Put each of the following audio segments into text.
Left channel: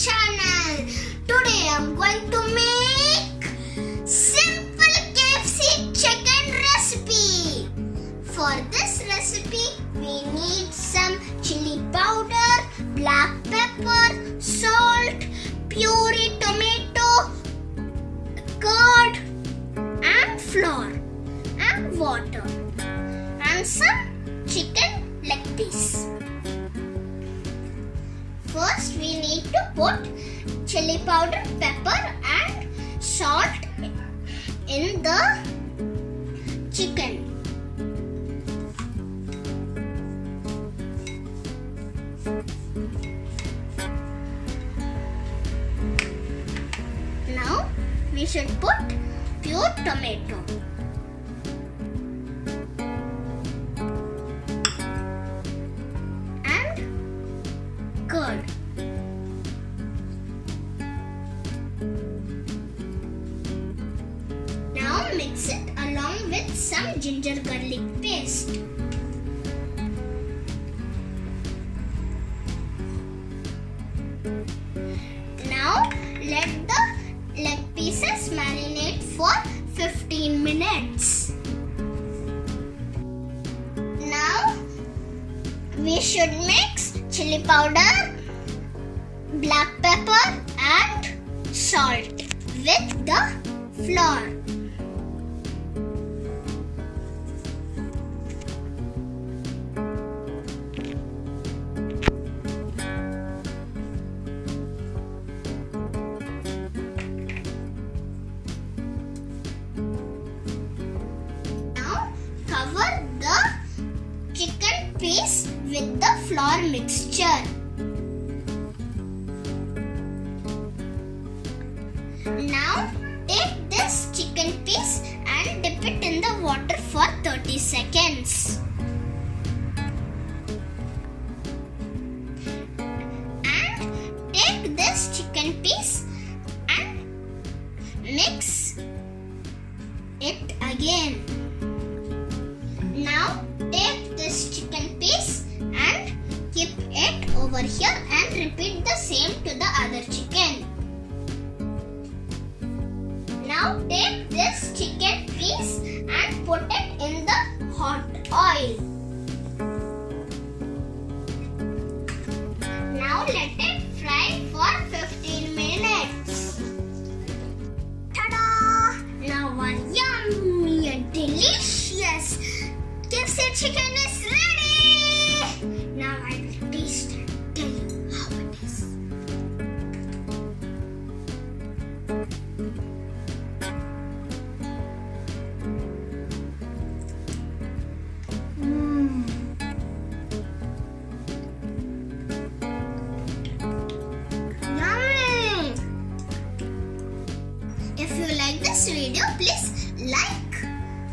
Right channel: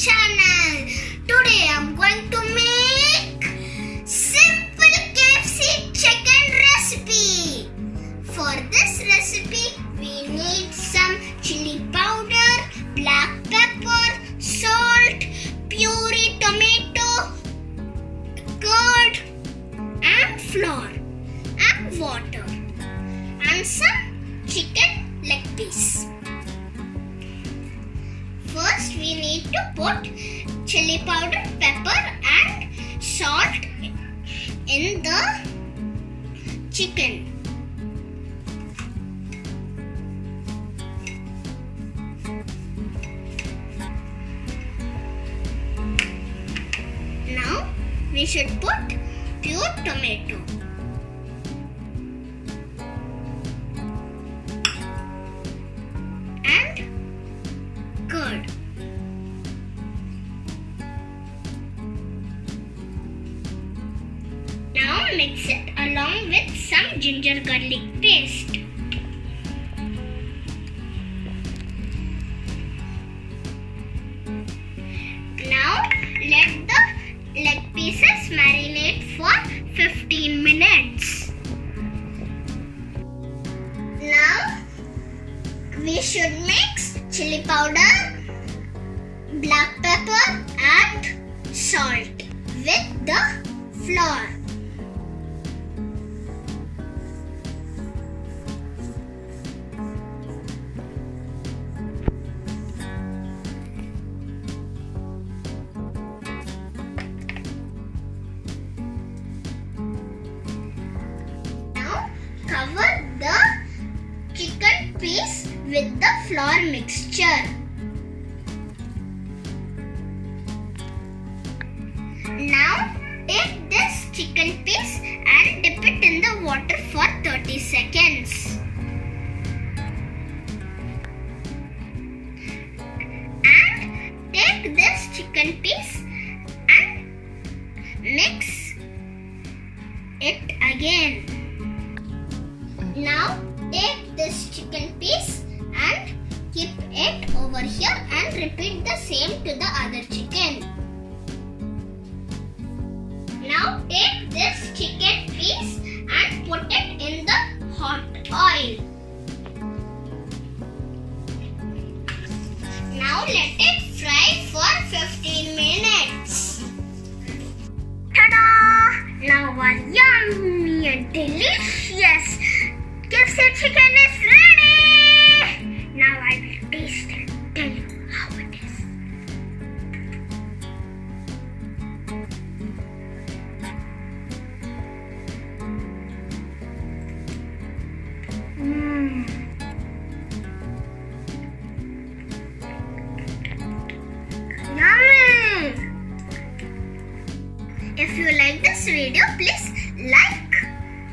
channel. Today I'm going to make simple KFC chicken recipe. For this recipe we need some chili powder, black pepper, salt, puree tomato, curd and flour and water and some chicken leg piece. First we need to put chili powder, pepper and salt in the chicken. Now we should put pure tomato. Curd. Now mix it along with some ginger garlic paste. Now let the leg pieces marinate for 15 minutes. Now we should mix chili powder, black pepper and salt with the flour. Now cover the chicken piece with the flour mixture. Now take this chicken piece and dip it in the water for 30 seconds. And take this chicken piece and mix it again. Now take this chicken piece and keep it over here and repeat the same to the other chicken. Now take this chicken piece and put it in the hot oil. Now let it fry for 15 minutes. Ta-da! Now our yummy and delicious KFC chicken is ready. Now I will taste and tell you how it is. Yummy! If you like this video, please like,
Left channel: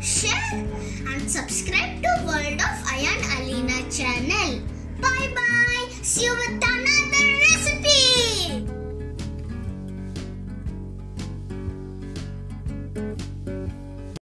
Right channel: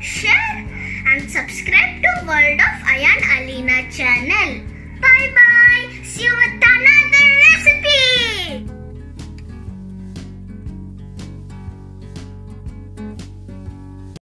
share and subscribe to World of I and Alina channel. Bye bye. See you with another